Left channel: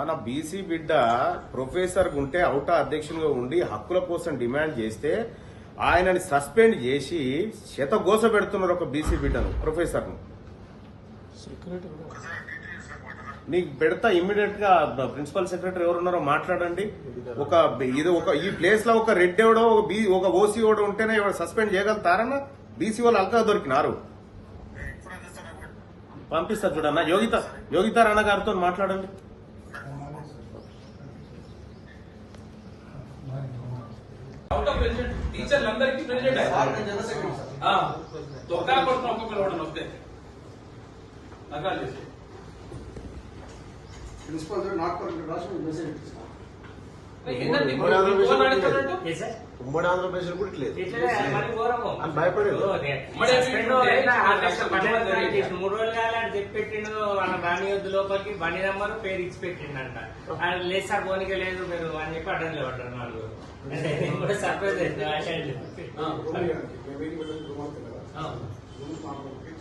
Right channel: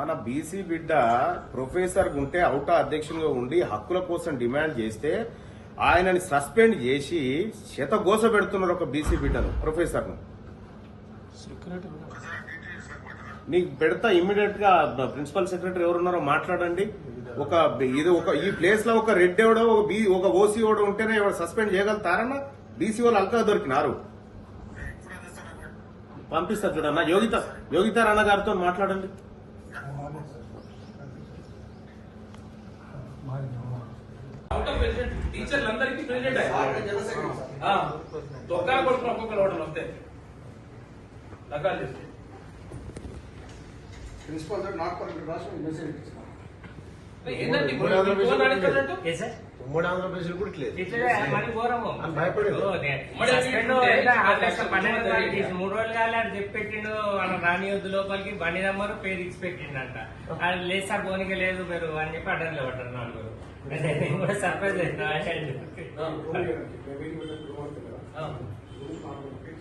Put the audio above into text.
మన బీసీ బిడ్డ ప్రొఫెసర్ ఉంటే అవుటా అధ్యక్షులుగా ఉండి హక్కుల కోసం డిమాండ్ చేస్తే ఆయనని సస్పెండ్ చేసి శతగోస పెడుతున్నారు ఒక బీసీ బిడ్డను ప్రొఫెసర్ ను. నీకు పెడతా ఇమ్మీడియట్ గా ప్రిన్సిపల్ సెక్రటరీ ఎవరున్నారో మాట్లాడండి. ఈ ప్లేస్ లో ఒక రెడ్ ఎవడో ఒక ఓసీ ఎవడో ఉంటేనే సస్పెండ్ చేయగలుగుతారన్న. బీసీ వాళ్ళు అల్కా దొరికినారు. పంపిస్తారు చూడన్న. యోగితా రాణా గారితో మాట్లాడండి. టీచర్లందరికీ ప్రెసిడెంట్ తొక్కన కొడుకుని ఒక్కొక్కరు కూడా వస్తే రకాలు చేసి ప్రిన్సిపల్ గారు నాట్ పర్మిట్ రాసి మెసేజ్ ఇస్తున్నారు. ఉమ్మడి ఆంధ్రప్రదేశ్ కూడా ఇట్లేదు భయపడేది. 3 రోజులు కానీ అది చెప్పెట్టిండు. మన రానియొద్దు లోపలికి బండి నెంబర్ పేరు ఇచ్చి పెట్టిండంట. అది లేదు సార్ పోనీకే లేదు మీరు అని చెప్పి అడ్డంలో పడ్డారు నలుగురు. కూడా సర్ప్రైజ్